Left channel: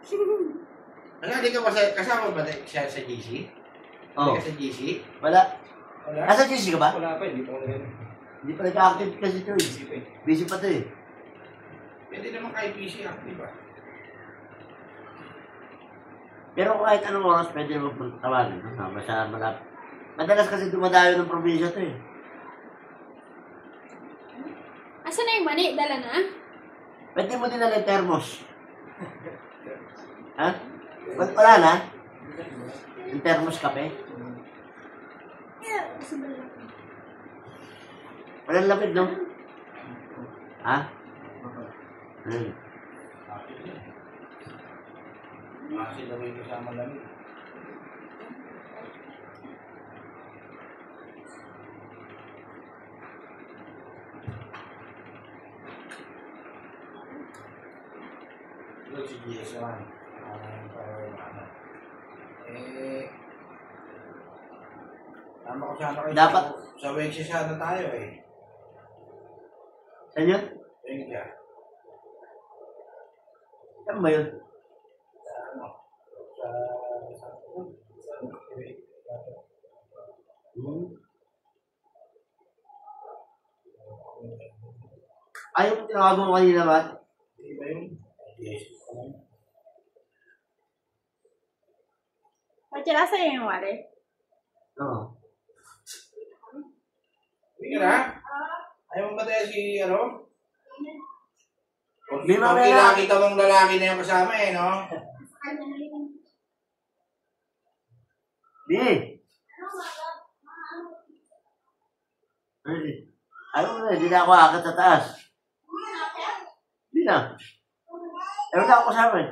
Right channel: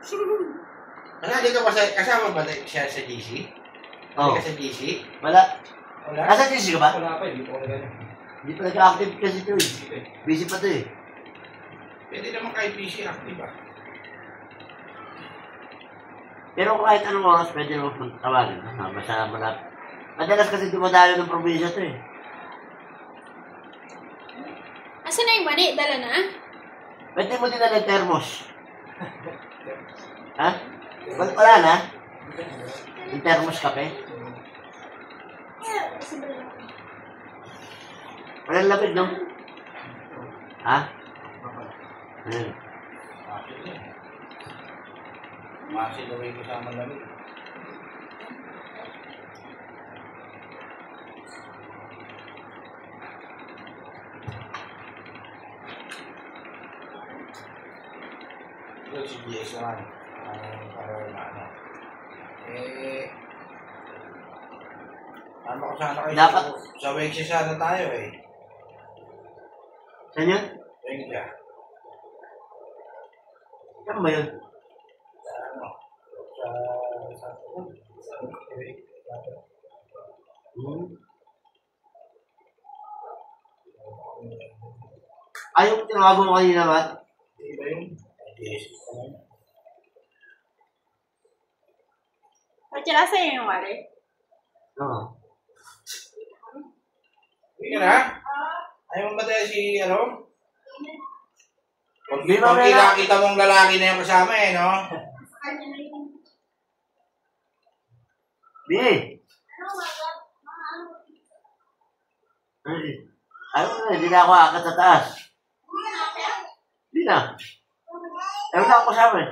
Dito ba kasama ba siya sa GC? Oo. Hindi ka sa GC? Wala. Wala? Nasa GC ka ba? Wala pa, hindi pa ako ganun. Hindi pa nag-active kasi ito eh. Busy pa ito eh. Pwede naman kahit PC active ba? Pero kahit anong oras pwede mo tawagin. Basta malapit. Madalas kasi dumadayo ng probinsya ito eh. Asa na yung mani? Dala na? Pwede mo din na thermos. Ha? Wala na? Yung thermos kape? Walang lamig, no? Ha? Ano? Masin daw yung kasama lamig. Ito si GS lang. Para wala ano. Tama ko sana kayo. Dapat. Sa Wexia sana tayo eh. Saan yun? Wexia. Saan ba yun? Ano? Ayaw ko tinawagan mo kanina ba? Iba yun? Yes. Pachara sa'yo yung wari? Oo. Hindi ka na? Ayaw mo ba tayo si ano? Kung Di ba nakita mong lalaki na yung kasama eh, no? Di. Ayaw mo na, hindi na ako akat sa taas. Hindi na. Ayaw na ako kasama eh.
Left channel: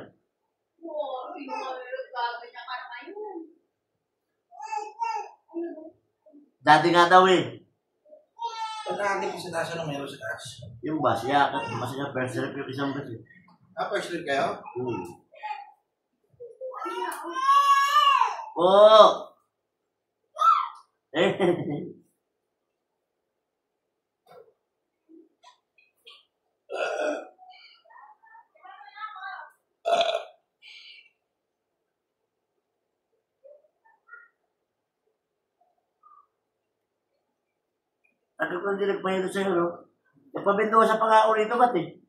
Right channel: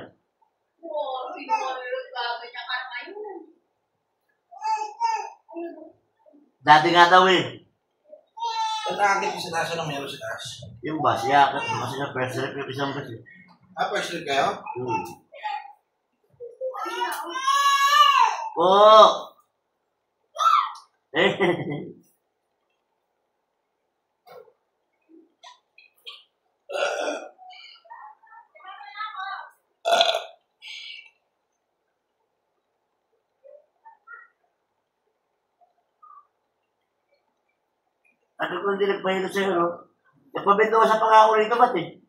Dati nga daw eh. Nakakit sa taas, anong meron sa taas? Yung bus, yakat. Mas yung first trip yung isang bus eh. First trip kayo? Oo. Eh. Ano kung hindi nagpahilo sa'yo, no? Nagpabinto sa pangako rito, ba't eh?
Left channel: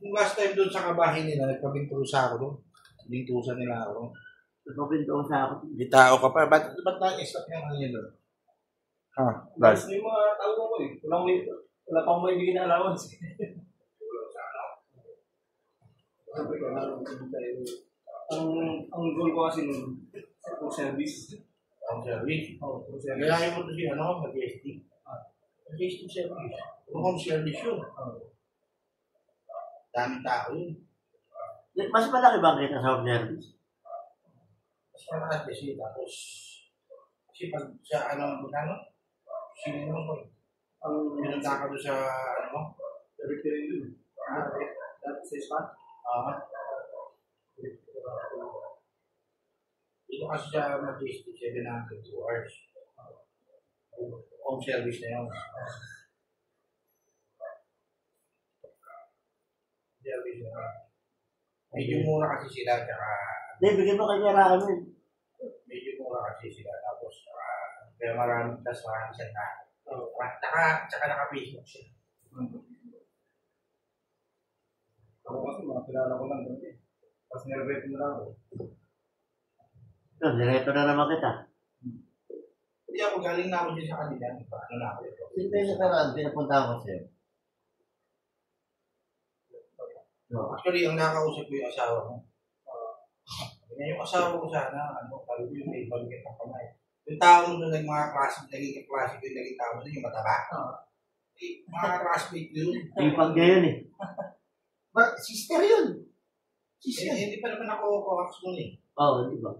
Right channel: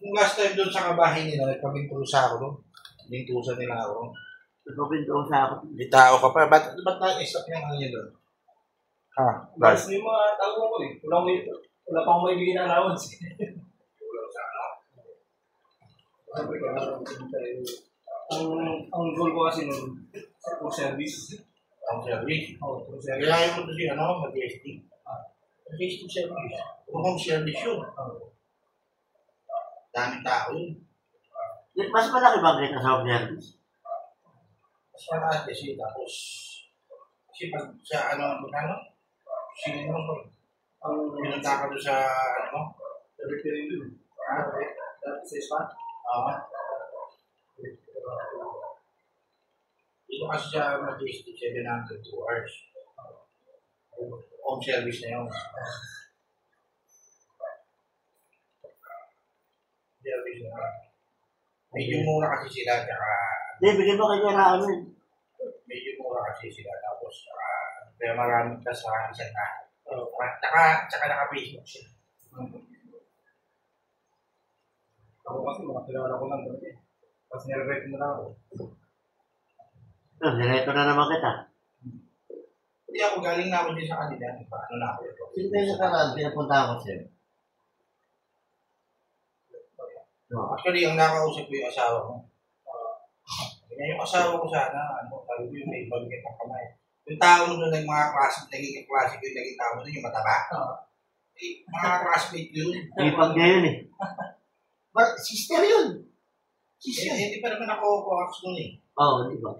Yung last time doon sa kabahay nila, nagpabintusa ako doon. Bintusan nila ako. Nagpabinto sa ako. Hindi tao ka pa. Ba't na-stop yung ano yun doon? Ha? Mas may mga tao ko eh. Wala pang may bigyan ng allowance. Ang goal ko kasi nun, full service. Ang service. Oo, full service. Kaya yung mo ito siya, ano? Majestic. Majestic service. Kung home service yun. Daming tao yun. Mas malaki ba kita sa home service? Mas malakas kasi tapos kasi pag sa ano, sino naman ko. Ang pinunta ka doon sa ano mo? Sa recurring doon. Dati sa spa? Oo. Dito kasi sa Majestic 702 hours. Home service na yun. Service na yun. Medyo mura kasi sila, tsaka Hindi, bigyan mo kanya na amin. medyo mura kasi sila, tapos kaya maraming kasahan sa tayo. Tsaka naka-Facebook sila. Ako kasi mga kilala ko lang doon eh. Tapos nire-rate na lang ako. Direto na naman kita. Hindi ako galing na ako din sa kanila. Ano na ako ito? Sino ba yung nakaraan? Pinapunta ko siya. Actually, ang nakausap ko yung asawa ko. Yung asawa ko sana, sabi ko yung may bagay ng kamay. Yung tao doon ng mga naging klase ko yung naging tao doon, yung mataba. Mga classmate yun. Ipag niya yun eh. Sister yun. Sister. Hindi pa naman ako coax doon eh. Oo, di ba?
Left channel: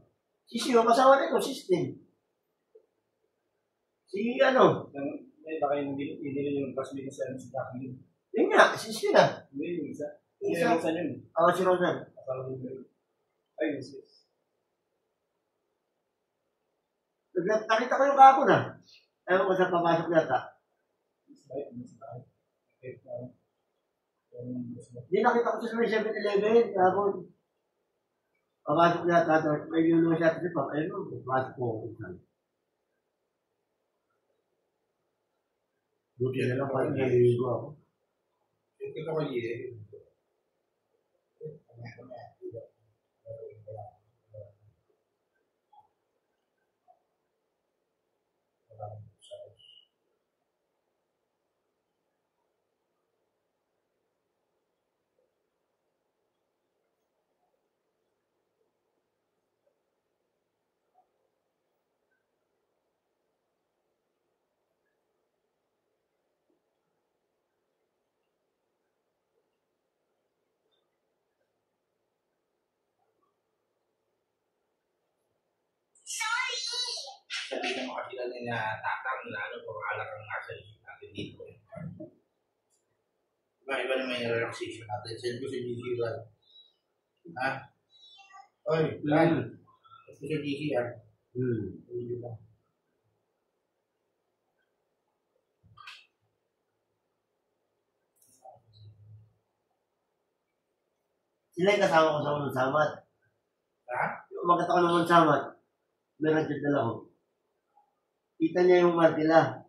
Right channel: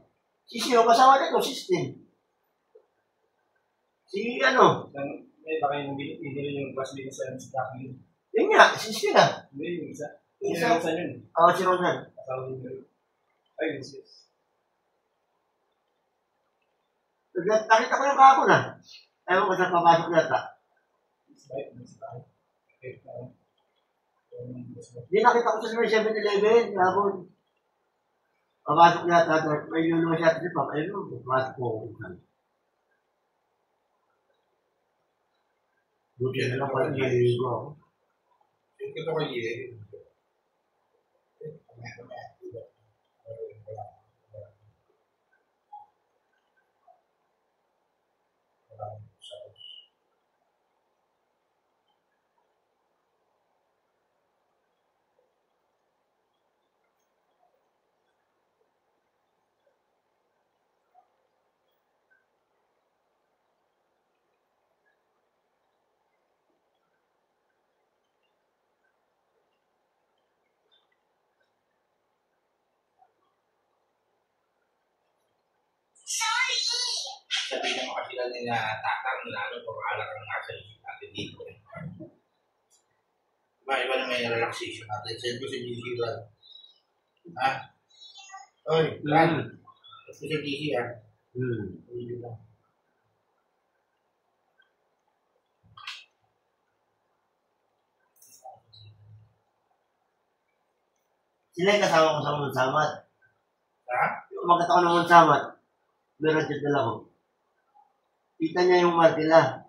Sister yung kasawa na ito, system. Si ano? May baka yung hindi yung bus business sa Jacqueline. Yun nga, sister na. Hindi yung isa. Isa. Isa yun. Oo, si Rosan. Ay, yes. Nakita ko yung kako na. Ayaw ko sa papasok yata. Hindi nakita ko sa 7-Eleven. Kapon. Papasok yata, may lulungan siya kasi ayun, papasok ko. Buti na lang pala naliligo ako. Yung ito ko yun. Sabi naman kasi lang nila tatang na ano, pag-aalak ang nasa isip natin dito. Iba naman yung relaxation natin. Send ko si GC lang. Ha? Oy, Lan. Send ko si GC ha. Hindi lang. Sila yung kasama ko sa unang samat. Ha? Yung umagat ako ng unang samat, meron dyan dala ko. Kita niya yung martila.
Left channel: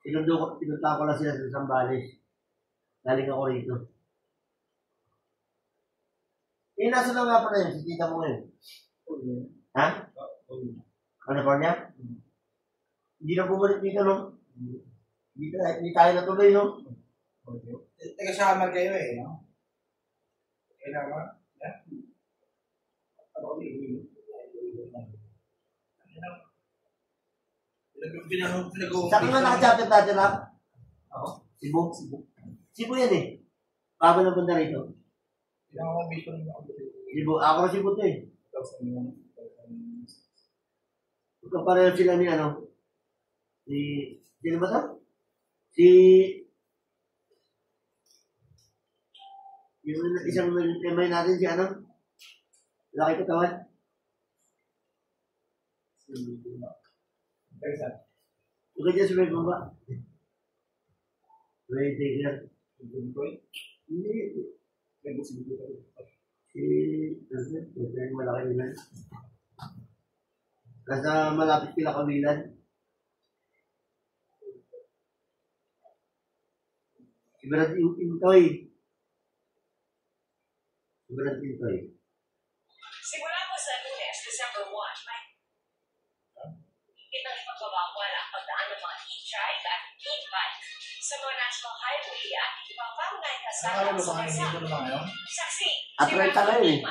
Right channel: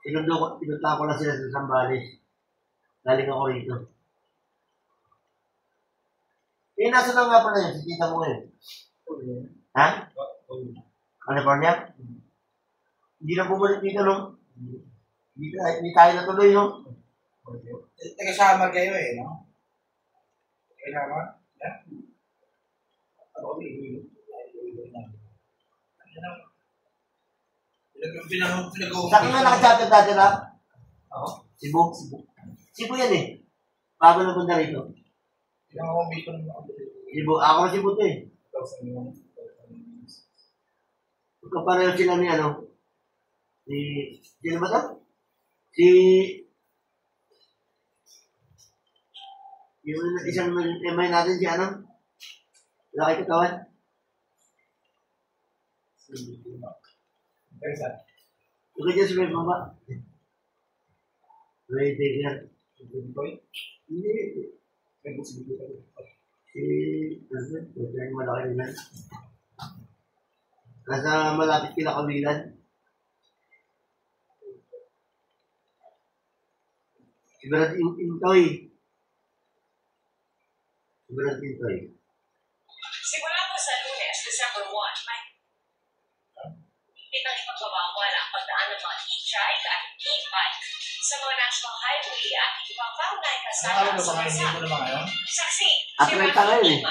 Pinunta ko lang sila sa Sambales. Galing ako rito. Eh, nasa na nga pala yun? Si tita mo ngayon. Ha? California? Hindi na bumalik dito, no? Hindi tayo natuloy, no? Taga-sama kayo eh, no? Kailangan? Ha? Ako, Saan nga nakachapter dati na? Oo. Cebu? Cebu yan eh. Bago na punta rito. Cebu. Ako na Cebu to eh. Ito pareho sila ni ano. Sino ba ito? Yung isang MI natin si ano? Laki katawan. Ito dyan si Red Mamba. Ray Digger. Hindi. Yung malaki nila. Nasa malapit kila Kabilan. Si Brad Intoy. Simula po sa Lunes, December 1, may itang ipagbabawal ang pagdaan ng mga e-trike at e-bike sa mga national highway at ibang kaunay kasama sa bansa. Saksi, At may tanga yun eh.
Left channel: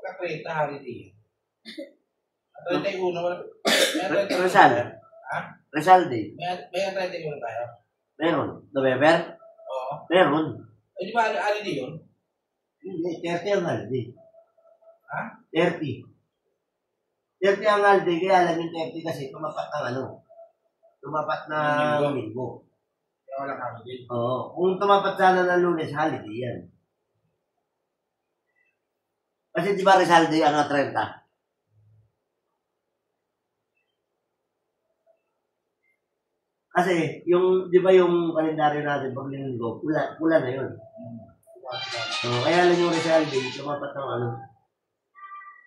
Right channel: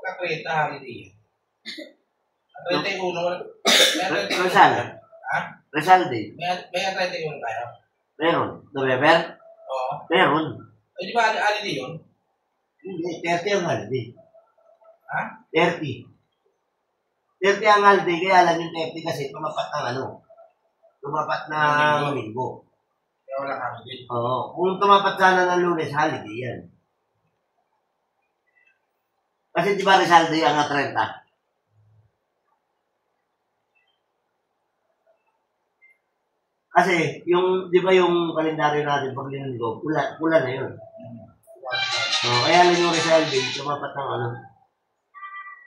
Kakreta, holiday. At 31. Rizal. Ha? Rizal din. May 31 tayo? Meron. November? Oo. Meron. Eh, di ba holiday yun? Hindi. 30 ang holiday. Ha? 30. 30 ang holiday. Kaya lang yung 30 kasi tumapat ng ano. Tumapat ng linggo. Kaya wala holiday. Oo. Kung tumapat sana ng Lunes, holiday yan. Kasi di ba Rizal Day ang 30? Kasi, di ba yung kalendaryo natin pag linggo, pula na yun. Kaya lang yung Rizal Day, tumapat ng ano,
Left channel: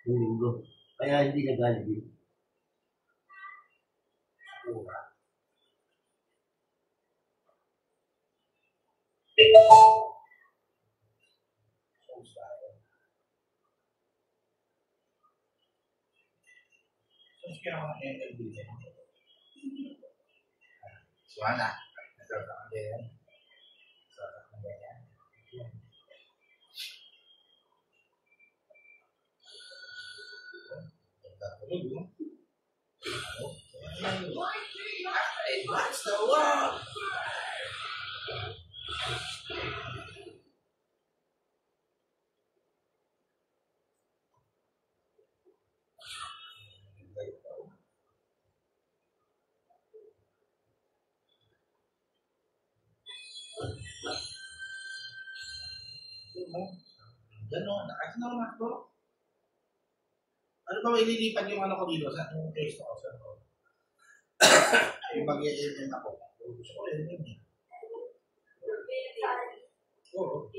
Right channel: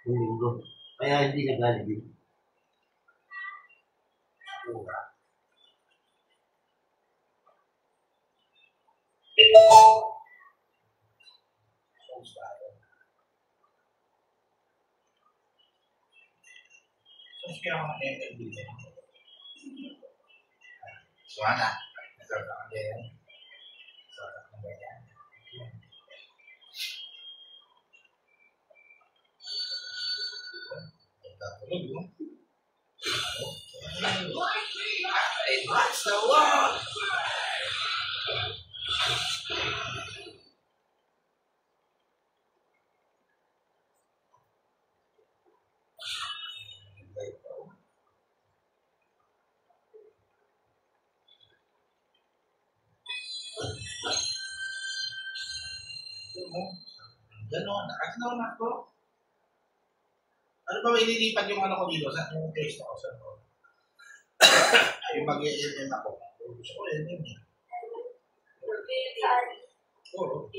yung linggo. Kaya hindi nag-holiday. Terus kaya ako na-interview din. Suwana. Nagkakaroon ka din. Nagkakaroon ka ganyan. Nagkakaroon mo. Advance the world! Gano'n, nakasinaw na ako. Ano ba may nilipat yung ano ko dito? Saan yung taste ako sa ako? Yung mag-i-MM ako. Gusto ko MM niya. Oo.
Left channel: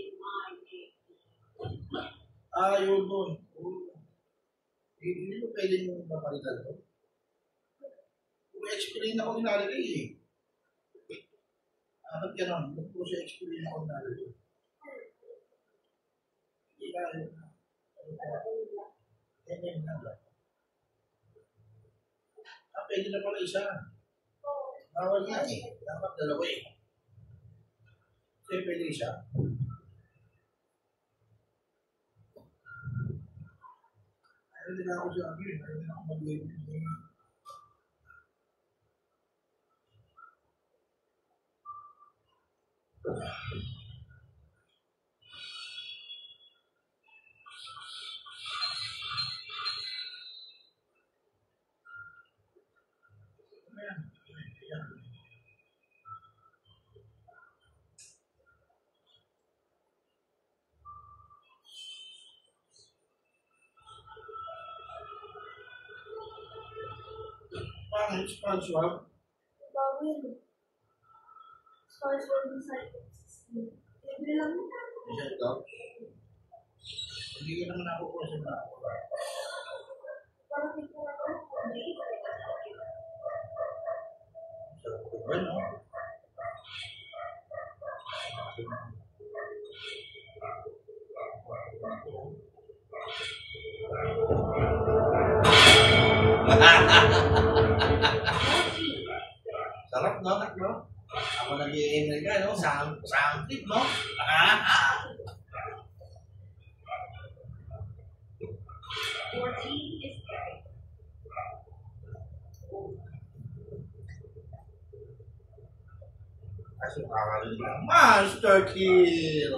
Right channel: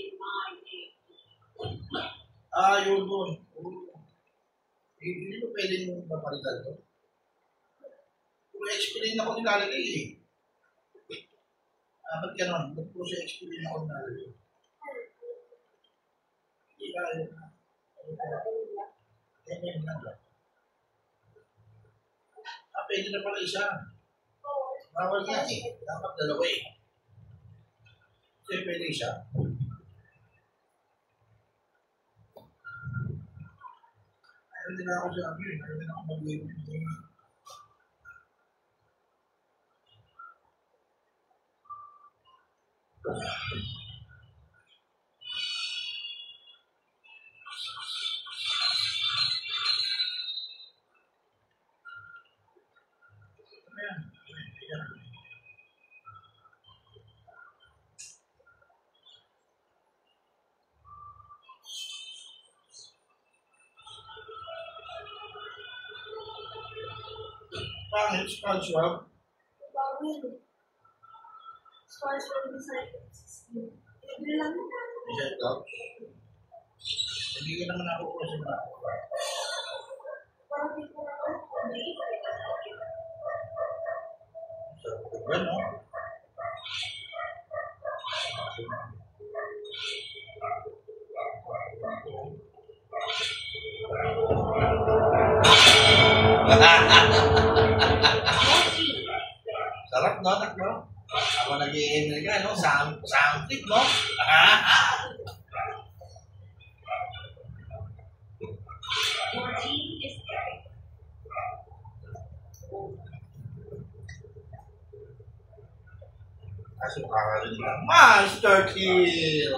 Yun doon. Hindi mo pwede mong papalitan to. Kung explain ako nilalagay eh. Ba't ganon? Ba't po siya explain ako nilalagay? Hindi ka yun. Ganyan lang ba? Pwede na pala isa. Bawal nga eh. Dapat dalawa eh. Kasi pwede isa. Ayaw din ako sa amin. Ayaw din ako mag-ibig. Pangit, skull swab. Bawal. Scars from the side. Libre lang yun. Bisa ito. Hindi ka naman ako po sa mga. Parang di ko na ako. Bueno. Sarap no, tak no? Ako nag-i-email ka, no? Sound no? Your team is Kaso kakarinig lang, Master Kill!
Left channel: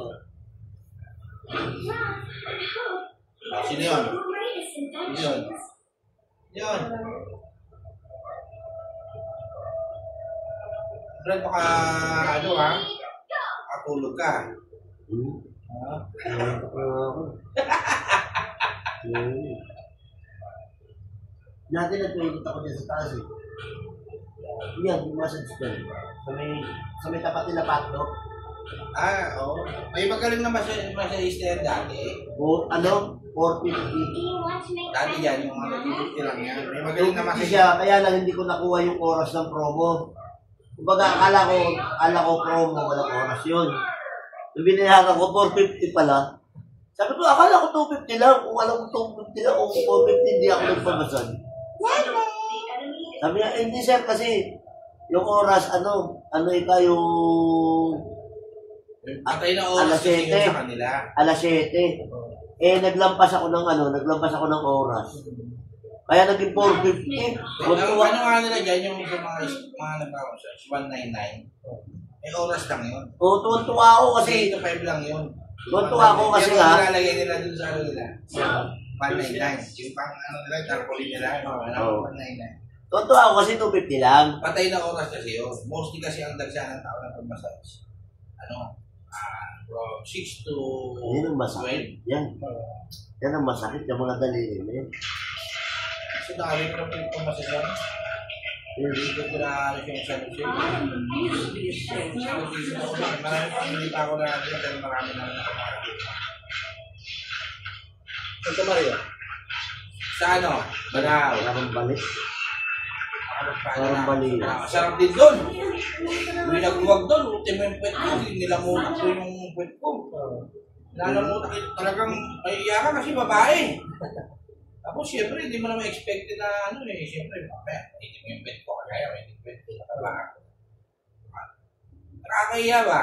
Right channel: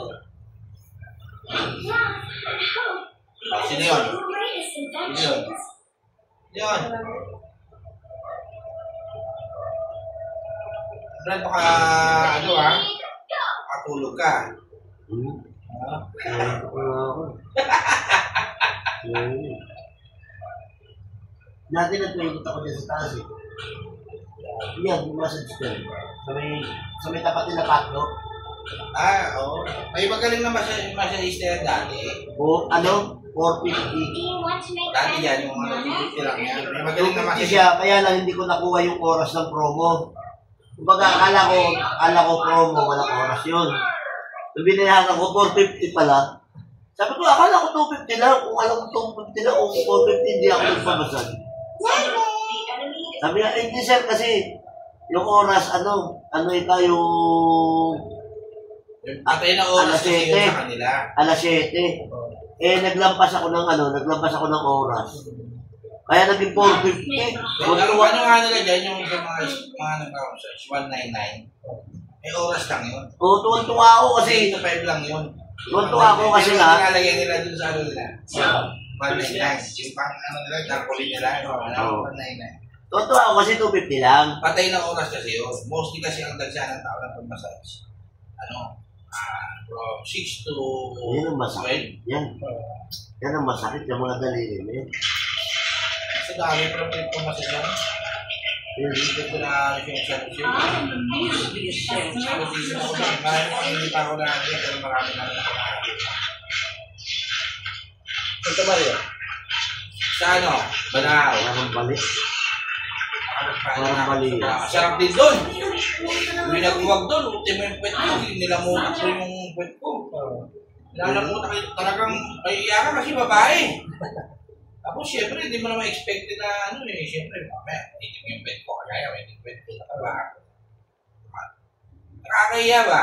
Sino yun? Sino yun? Yun. Brad, baka ano katulog ka. Dati nag-training ako dyan sa taas eh. Yan, yung massage ko. Sa may tapat nila Pacto. Oo. May magaling na masyadista dati. O ano? 450. Dati yan, yung mga nag-50 lang yan. May magaling na 250 masyadista. siya, kaya lang hindi ko nakuha yung oras ng promo. Kumbaga, akala ko promo, walang oras yun. So, binayaran ko 450 pala. Sabi ko, akala ko 250 lang. Kung alam ko 250 lang, kung 450, hindi ako nagpabasag. Sabi niya, hindi sir, kasi yung oras, ano ito yung Atay na oras alas kasi 7. yun sa kanila. alas 7. Naglampas ako ng oras. Kaya naging 450. Ano nga nila dyan, yung sa mga nagkakasas, 199. May oras lang yun. Oo, tuwan-tuwa ako kasi, 8 to 5 lang yun. tuwan-tuwa ako kasi Pero nga, nilalagay nila dun sa ano nila. 199. Yung pang ano nila, tarpaulin nila. Oo. 199. tuwan-tuwa ako kasi 250 lang. Patay na oras kasi yun. Mostly kasi ang dagsa ng tao ng pag-massage. From 6 to Yan ang masakit. 12. Yan ang masakit yung mga daliri mo yun. Kasi dami pero pag-massage yan. Dito ko na yung Nakikita ko na natin pero marami na nakakakita. Santa Maria. Sa ano? Banaw. Parang balik. Parang bali. Masarap din doon. Hindi naghuwag doon. Ultimo yung pwet ko. Nilamutak ko yung pwet ko. Nalamutak ko. Talagang naiiyak ka kasi babae. Tapos siyempre, hindi mo naman expected na ano eh. Siyempre, mamaya, hindi mo yung pwet ko. Kaya may pwet ko nakabaka. Nakakahiya ba?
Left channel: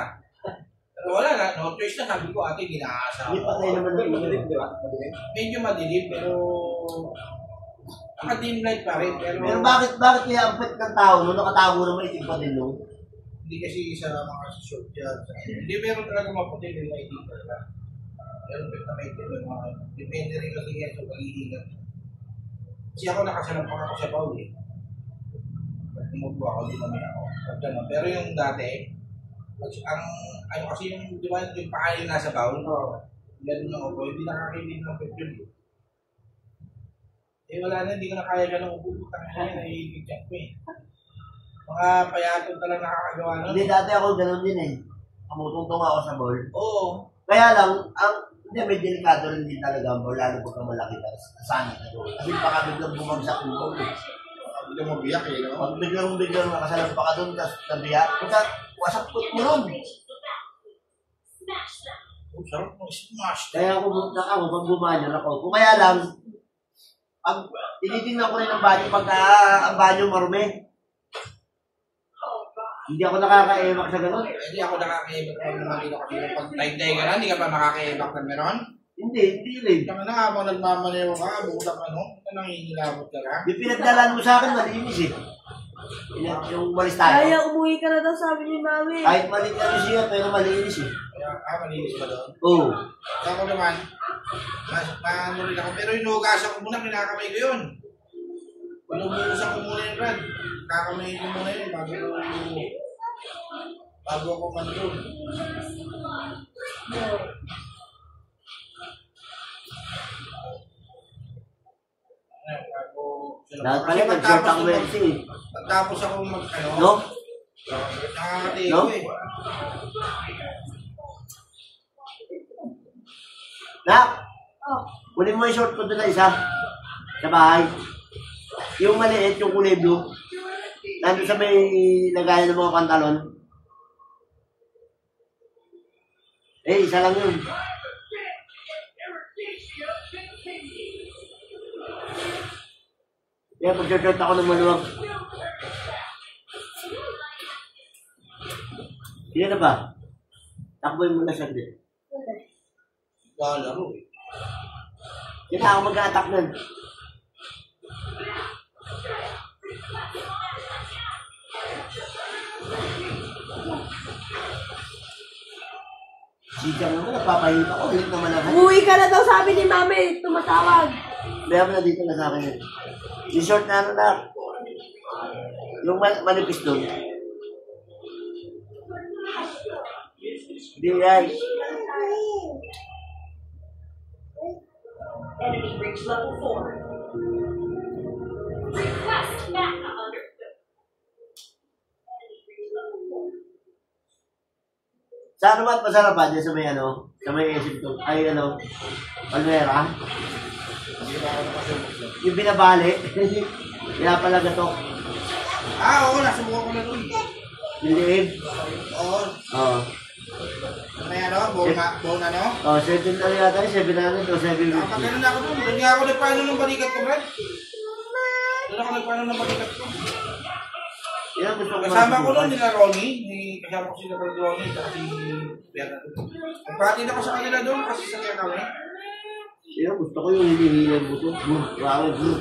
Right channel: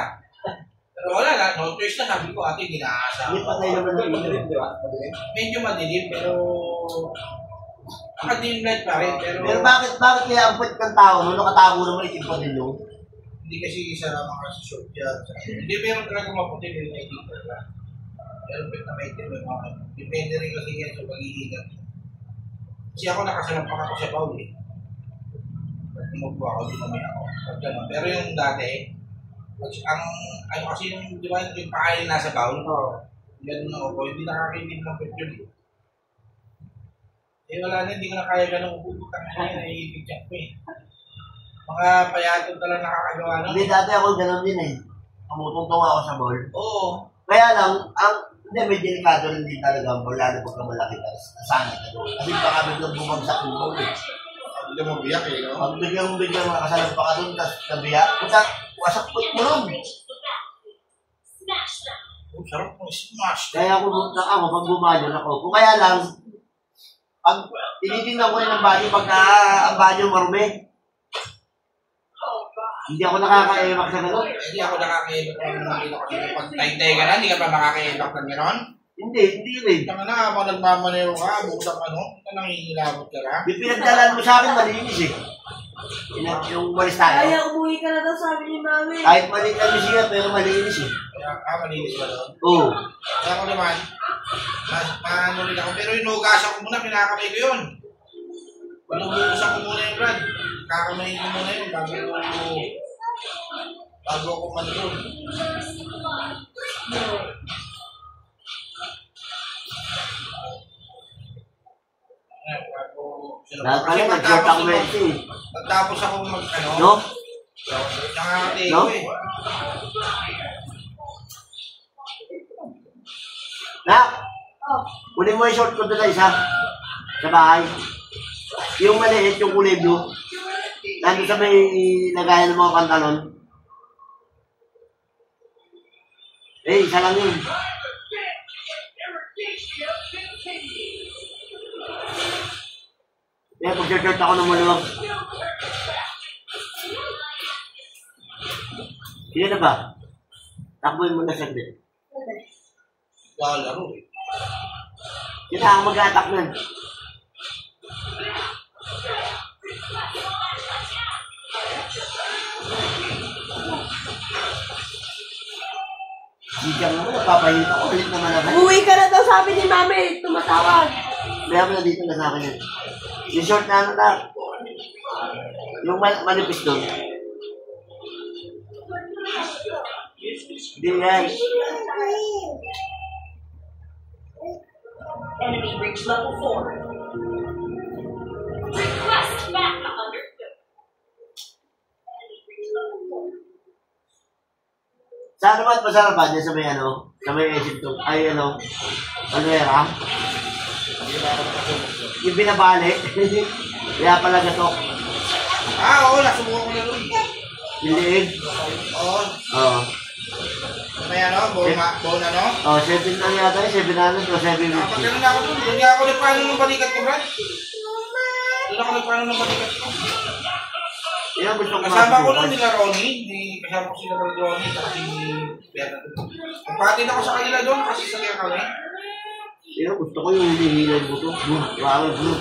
Pero wala na. No choice na. Sabi ko, ate, ginaasa. Hindi patay naman yung Madilim, di ba? Medyo madilim, pero naka-dim light pa rin. Pero bakit kaya ang pwet ng tao no? Nakatago naman itim pa din no? Hindi kasi sa mga short yan. Hindi meron talaga maputi yung itim talaga. Pero pwede na may itim yung mga depende rin kasi yan sa pag-iingat. Kasi ako nakasalampak ako sa baul eh. Pag tumubo ako, dumami ako. Pero yung dati, ano kasi yung, di ba, yung pakain nasa baul, yan yung ako, hindi nakakaitin ng pwede yun eh. Wala na, hindi ko na kaya ganun uputang na yun, naiipigyan ko eh. Mga payatong talaga nakakagawa nun. Hindi dati ako ganun din eh. Kamutungtong ako sa ball. Oo. Kaya lang, Hindi, may delikado rin din talaga ang ball, lalo pagka malaki ka, nasanay ka doon. Kasi baka biglang bumagsak yung ball eh. Biglang mabiyak eh, no? Pag biglang makasalang pa ka doon, tapos nabiyak, punta, wasak foot mo ron. Oh, sarap mo, smash. Kaya ako bumunta ako, pag bumanyon ako. Kung kaya lang, pag tinitingnan ko rin ang banyo, pagka ang banyo marumi, hindi ako nakaka-emak sa gano'n. Hindi ako nakakaibak ng mga ilo kasi pag tay-tay ka na, hindi ka pa makakaibak ng gano'n. Hindi rin. Tanga na, habang nagmamanero ka, bukod ano, nangihilabot ka na. Yung pinagdalaan mo sa akin, malinis eh. Yung walis tayo. Kaya umuwi ka na daw, sabi ni Mami. Kahit maliit na siya, pero malinis eh. Kaya, malinis ba doon? Oo. Kaya ako naman, maano rin ako. Pero inuugasan ko muna, kinakamay ko yun. Inuugasan ko muna yung brad. Kakamay ko muna yun bago ako manroon. Lahat pala, nag-short ako ito eh. Pagtapos ako No? Nakakati No? ko eh. Nak, kunin mo yung short ko doon isa. Sa bahay. Yung maliit, yung kulay blue. Nandun sa may lagayan ng mga pantalon. Eh, isa lang yun. Kaya pag-shirt ako ng maluwag. Sige na ba? Takboy mo na saglit. Lalaro eh. Kita ako mag-attack nun. Sikang naman, nagpapahit ako. Ulit naman ako. Umuwi ka na daw, sabi ni Mami. Tumatawag. Kaya mo na dito na sa akin yun. Yung short na ano na. Yung manipis doon. Hindi guys. Enemy reach level 4. Request backup understood. Enemy reach level 4. Sa ano ba at masarap ba? Diyan sa may ano? Sa may exit to. Ay ano? Palmera? Yung binabali. Kaya pala gato. Oo, nasubukan ko na rin. Yung liig. Oo. Oo. May ano, bone ano? Oh, 7 lang yata yun. 700 o 750. Kapag ganun na ako doon, doon nga ako nagpaano ng balikat ko, Brad. Doon ako nagpaano ng balikat ko. Yan gusto ko Kasama ko nun nila Ronnie, kasama ko sila Brad Ronnie, at si Bernardo. Nagpatid ako sa kanila doon kasi sa kaya kami. Yan gusto ko yung hinihilan ko to. Wow, blue.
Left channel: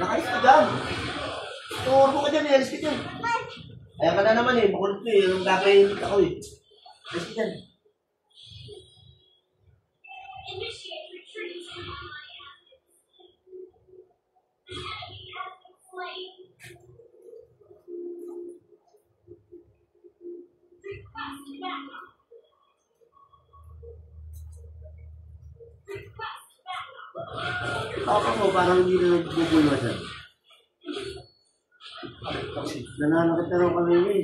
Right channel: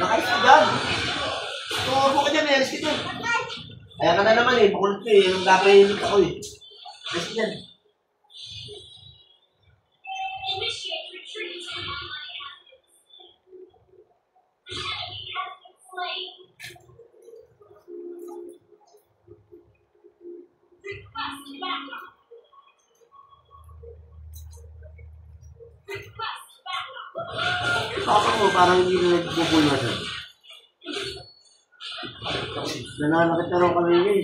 Nakais ka dyan. Tuwag mo ka dyan, alis ka dyan. Kaya ka na naman eh, makulit ko eh. Yung dapat ako eh. Alis ka dyan. Initiate retreat. Enemy has been slain. Request backup. Request backup. Ako mo, parang hindi na nagpupulwasan. Nananakit na rin kami eh.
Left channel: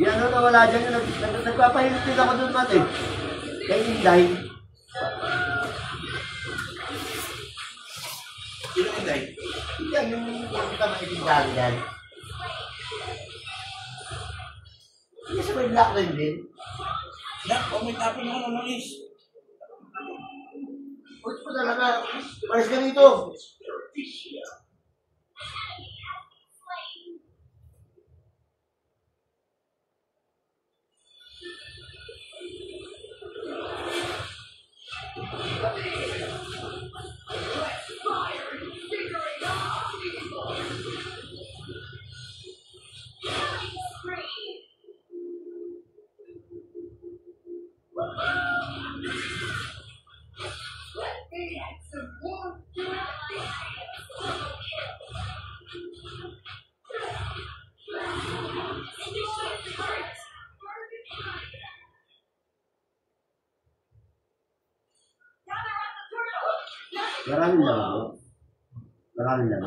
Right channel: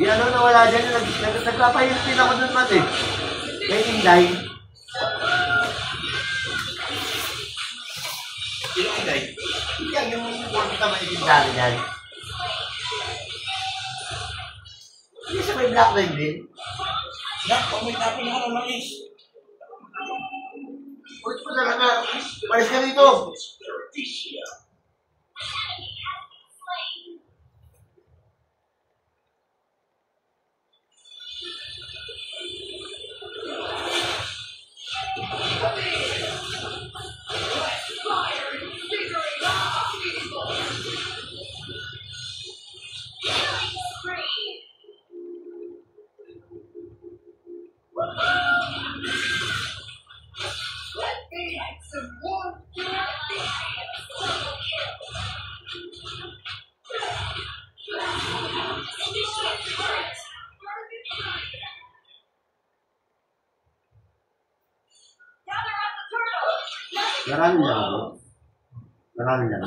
Di ano nawala dyan, nagpapahirap din ako dun man eh. Kaya Inday. Sino Inday? Yan yung nakita maitindahan dyan. Hindi sa may black line din. Nak, may tapin ako ng mais. Ulit mo talaga. Malis ka dito. Maraming lang. Maraming lang.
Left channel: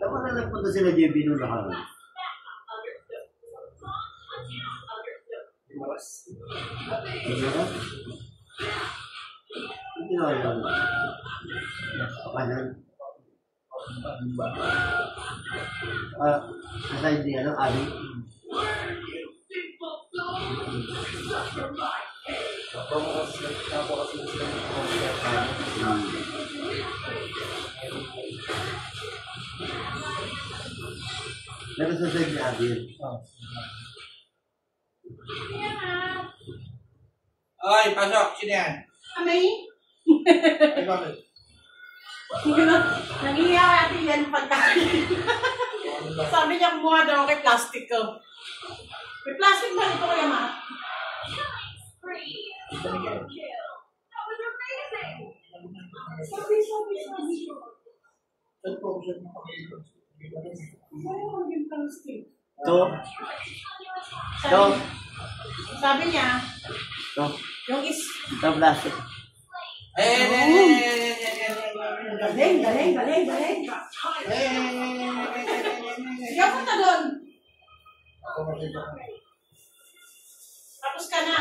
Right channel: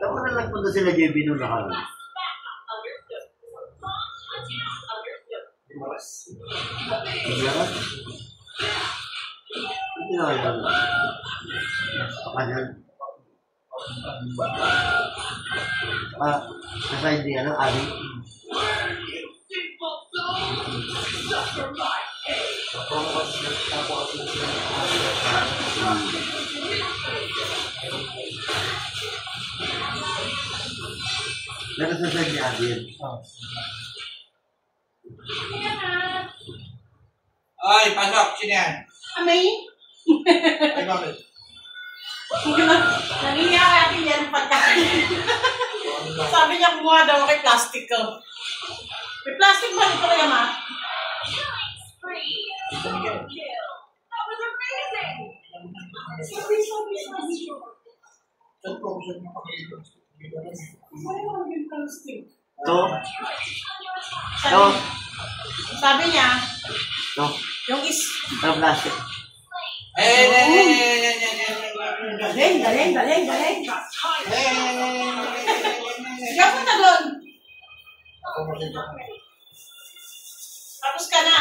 Dapat na nagpunta sila JB nung nakaraan. Maras. Maras? Hindi na kayo. Kanyan. Nasa hindi ano, Ali. Meron sa side ni Adil. Ay, pasok. Sino yan? Amay? Ay, bakit? Nangiyaw natin yan pagkain. Sabi niya kumuha daw kay plastic ko. May plastic ba ito kaya ma? Sabi. Saan po? Saan mo pakilito? Ano yung plastic? Ito. Ito. Sabi niya, Ito. yung is... Ito plastic. Galing. Hindi ako punta doon. Tapos ka na.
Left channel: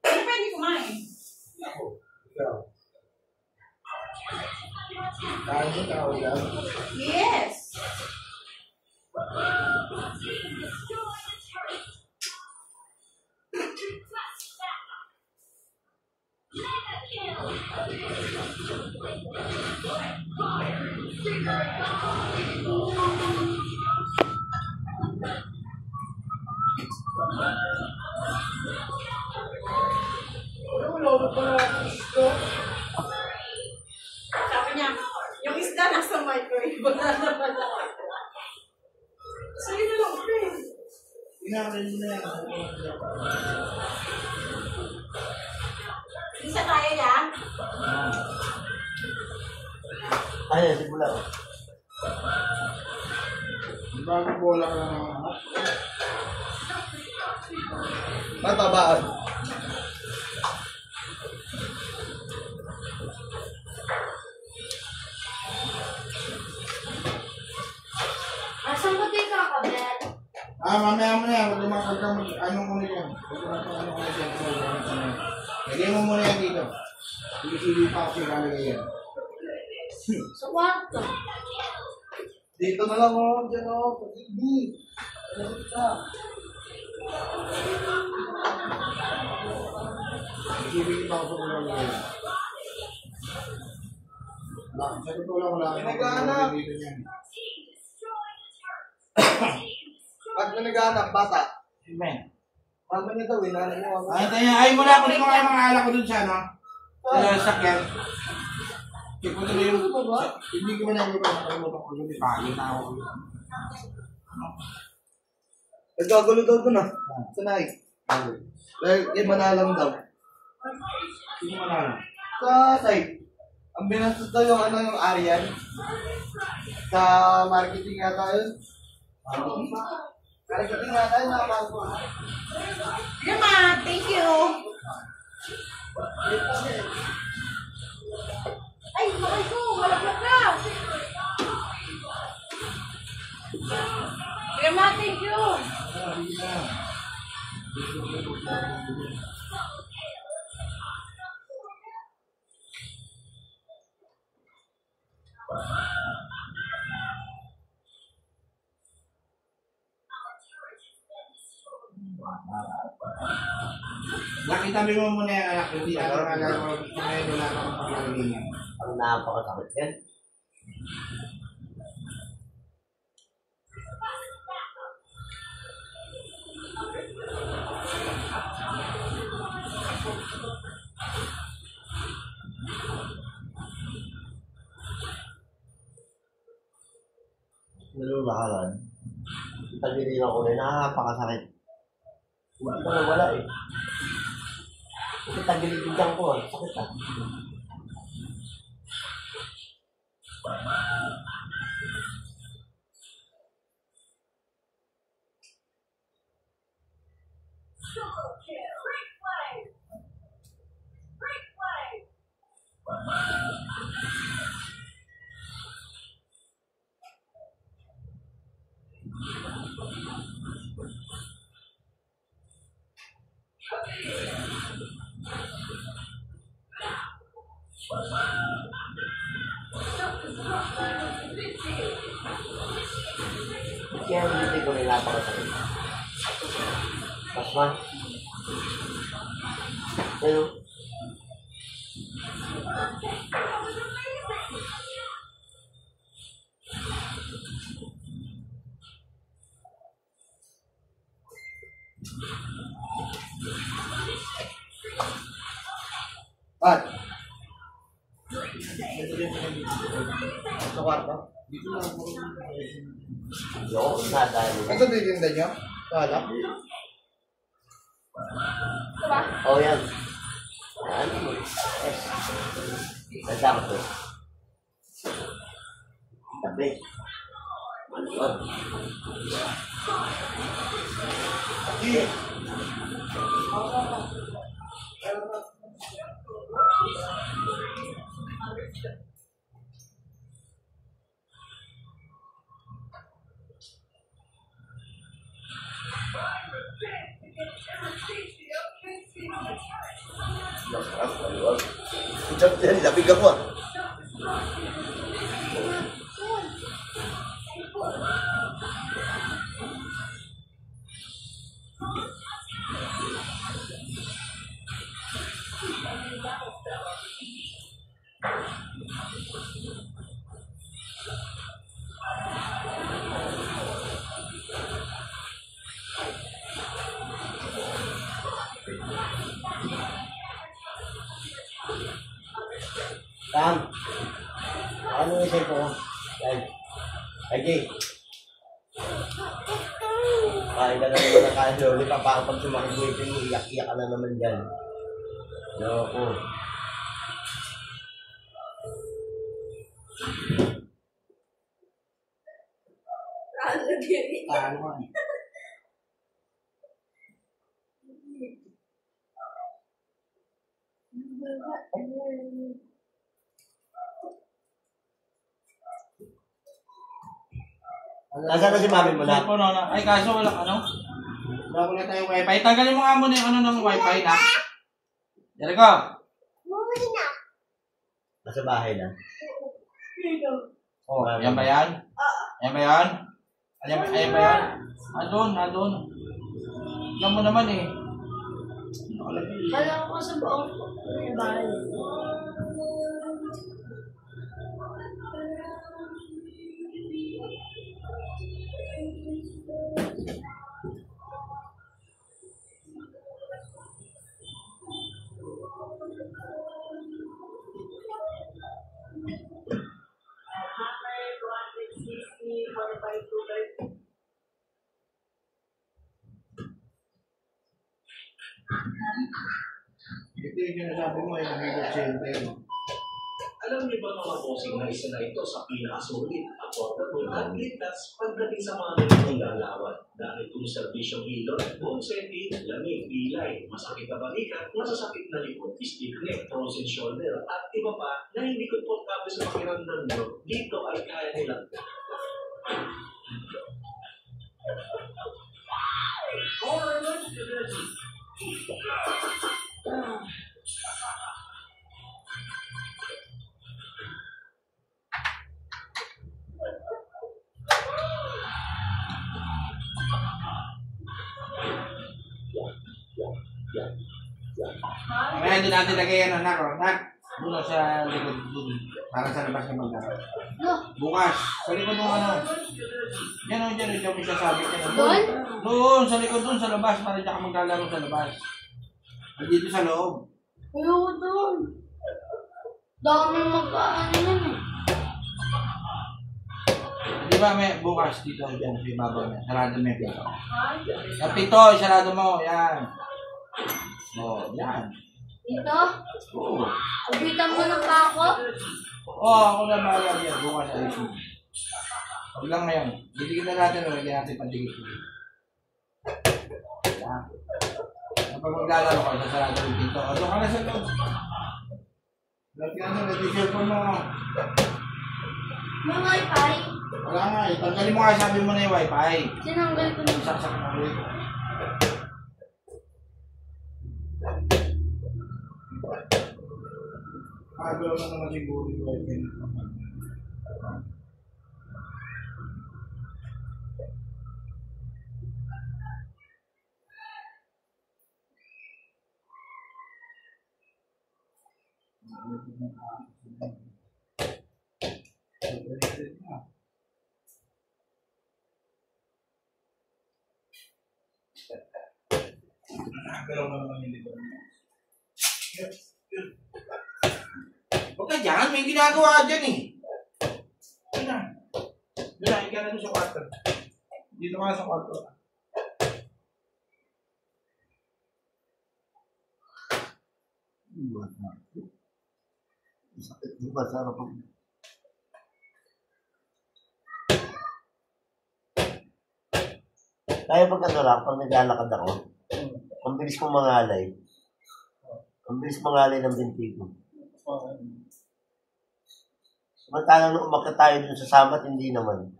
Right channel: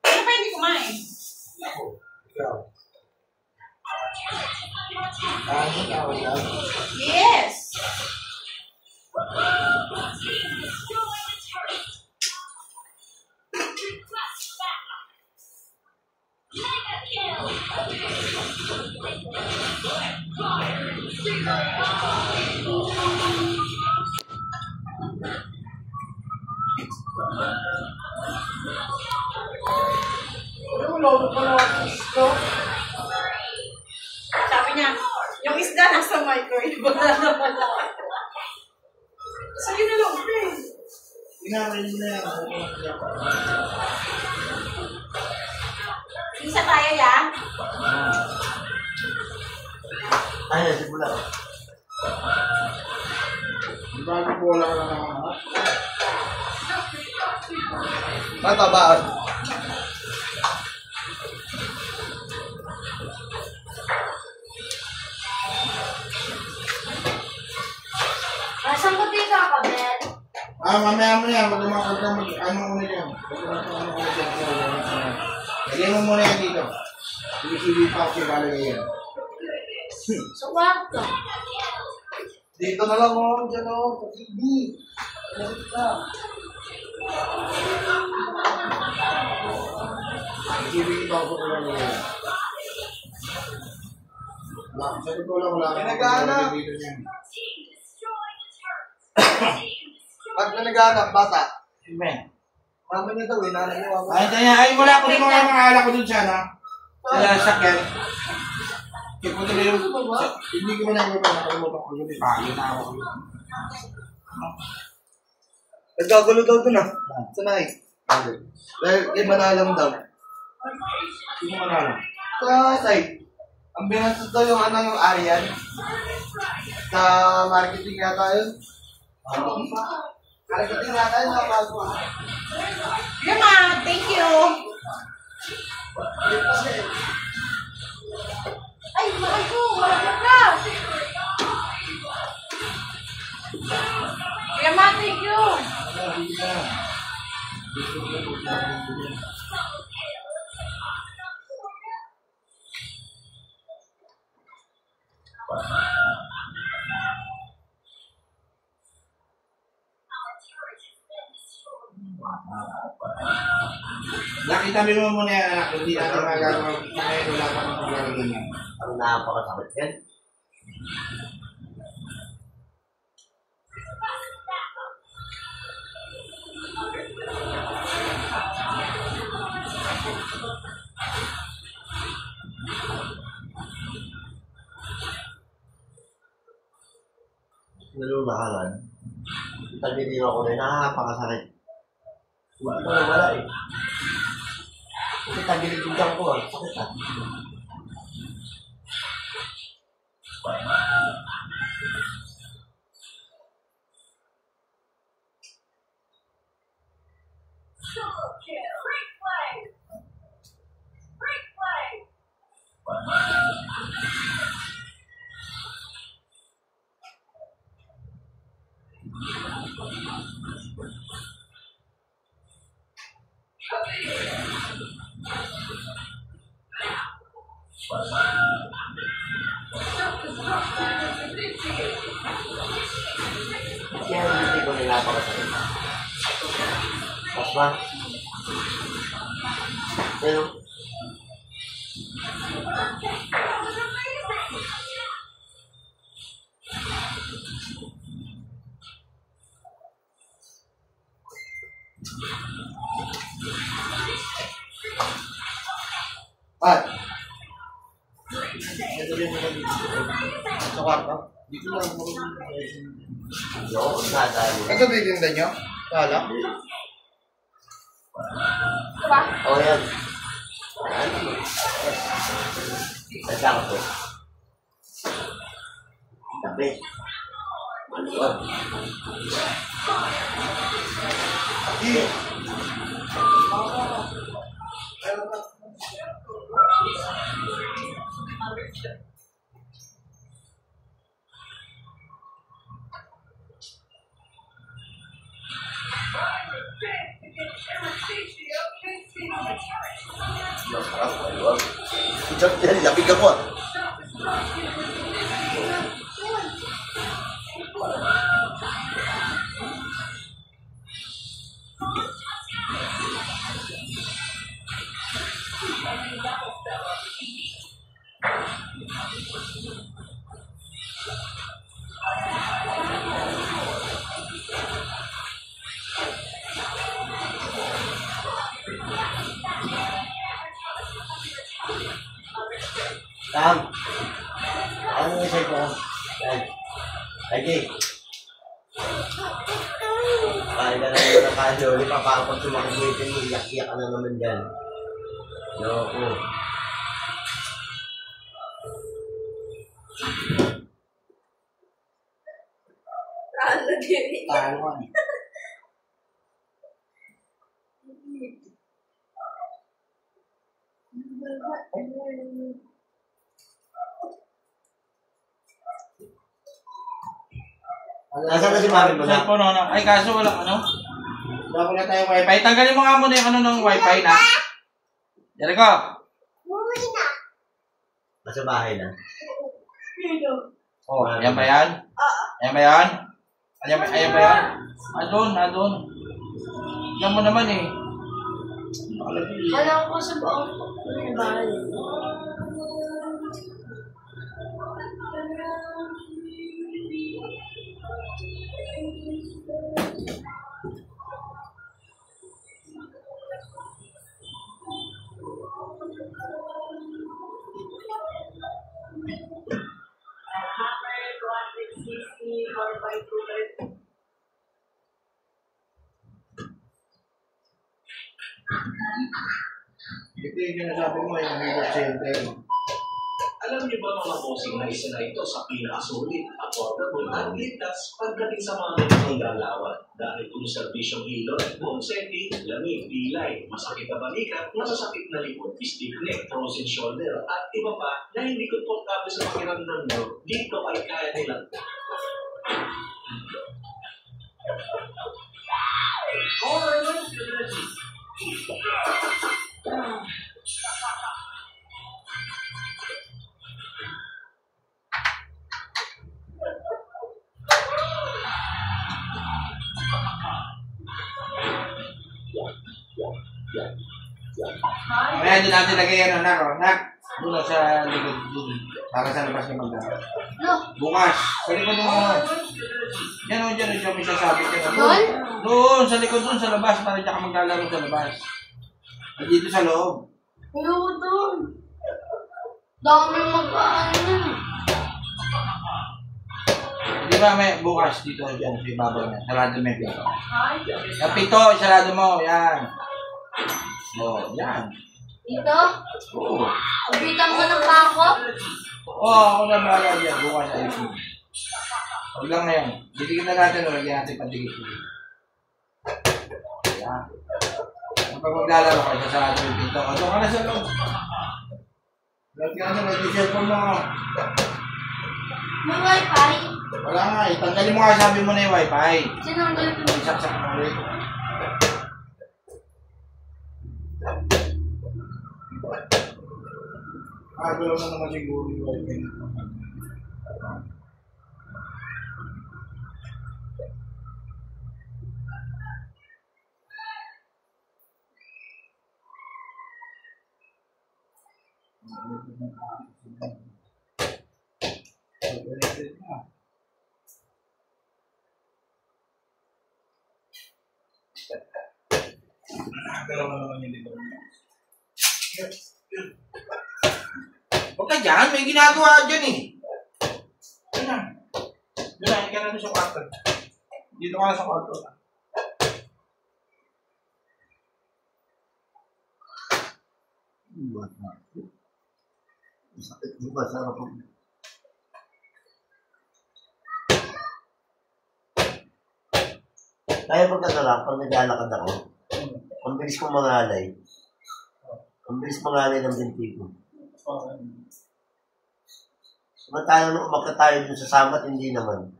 Ano pa hindi kumain? Ako. Ikaw. Kain ka, wala. Yes. Sabi niya, yung isda nasa microwave. Sige na lang, friend. Inamin mo na yan. Isa tayo yan. Ayun, simula. Bakit wala ka na naman? Matabaan. Nasaan ko dito ako, Ben? Mamaya mo na yan. Huwag naman ano mo na yan. Huwag naman ano mo na yan. Lagyan mo muna yan dito. Hindi pa ako siya yan. Sa kwarto. Dito na lang ako. Diyan ako. Hindi. Ibigit ako sa ulan niya. Sa totoo lang, wala May kang naghahanap. dito niyan. Pag na naghahanap, bata. Amen. Mama niya daw, nanay mo. Ay, tayo. Ay, wala ko rin mga alak ko dun siya, no? Wala sakyan. Kaya po tuloy yung... Hindi ko man nakalimutan ko yun. Pagin na ako. Nagkagulo daw dun ah. Sanay. Dahil iba na alam daw. Hindi mo alam. Sa site. Ang binastos daw yung yung Arian. Sa marketing yata yun. Marketing yata yun. Sige ma, thank you. Ay, mahal ko. Wala ka. Sige ma, thank you. Nakita mo muna yung anak, hindi natin magagawa. Ngayon, wala ka pang paglalagay niya. Ang napakasakit yan. Nalulakaran. Tagiliw ako rin, napakasakit. Hindi ko nawala eh. Kasi tagiliw bigyan ko ah, sakit ah. Kaya hindi ko napakasakit. Pas ba? Pero, At. Ito rin naman dito. Sa kwarto. Dito lang ako. yung nadali. Ito titinda nyo? Wala. Oh, yan. Ano mo? Saan ko to? Tabi. Maluwag. Masarap, maluwag. Diyan, yan, labig ako ah. Tam, ano yung isa ko? Yan. Lagi. Kain ka na naman ng kain, Loli. Pag sumakbuitin mo, iyak-iyak ka na naman dyan. Loko. Talo ka. Nasaan na si mami mo na? Cellphone, ano? Ay, kaso wala, ano? Wala ko na tayong wifi. Tanggalin mo nga muna yung ano ng wifi na. Jericho. Nasa bahay na. Oh, ayan ba yan? Ayan ba yan? Ayan ba yan? Andun, andun. Yan mo naman eh. Alam ko sa buong bahay. Ito yung sinasabi mo, yung higop center. Alam niyo ba mga bossing na isa na ito sa pinakasulit, affordable at ligtas pagdating sa mga ganitong lalawan. Dahil kung serbisyong ilot, bone setting, lamig, pilay, masakit na balikat, masasakit na likod, stiff neck, frozen shoulder, at iba pa na hindi komportable sa pakiramdam nyo, dito ay kaya nilang. Kaya doon natin lagay ano, nak. Doon sa likod doon. Para sa labas yung magdala. No. Bukas. Sa likod ng ano. Diyan o, diyan mo siya sabi ka. Doon? Doon, sa likod doon, sa labas. Para diyan ka maglalaro sa labas. Dito sa loob. Ayoko doon. Dami mag-ano nun. Di ba may bukas dito, diyan, sa ibabaw niya. Sarado mo yung pito. Yung pito, sarado mo. Yan. O, yan. Dito? Oo. Ubitan mo ng bako? Oo, ako na bahala dyan. Bukas sa iPhone. Huwag lang ngayon. Didikit na natin o, lagyan natin pandikit. Yan. Kapag maglalaro ka, sasarado yung pinto. O, doon ka na sa loob. Lagyan na, may cellphone mo. May wifi? Wala nga eh. Tanggalin mo nga, sabi mo na yung wifi. Sinanggal ko na. Isaksak mo ulit. Gawin mo naman siguro yung wifi nito. Galaw na naman yung dito. Huwag ka dyan, may ginagawa dyan eh. Ayan. Doon, ikaw na doon sa kwarto. Dito ka na sa kwarto. Sakit di ba sa kapag... Kaya pag ano lang, pag naglalakad ako, ang bilis kong mangalay. Ang bilis mangalay ng binti ko. Samantala nung umakit tayo dun sa samat, hindi naman.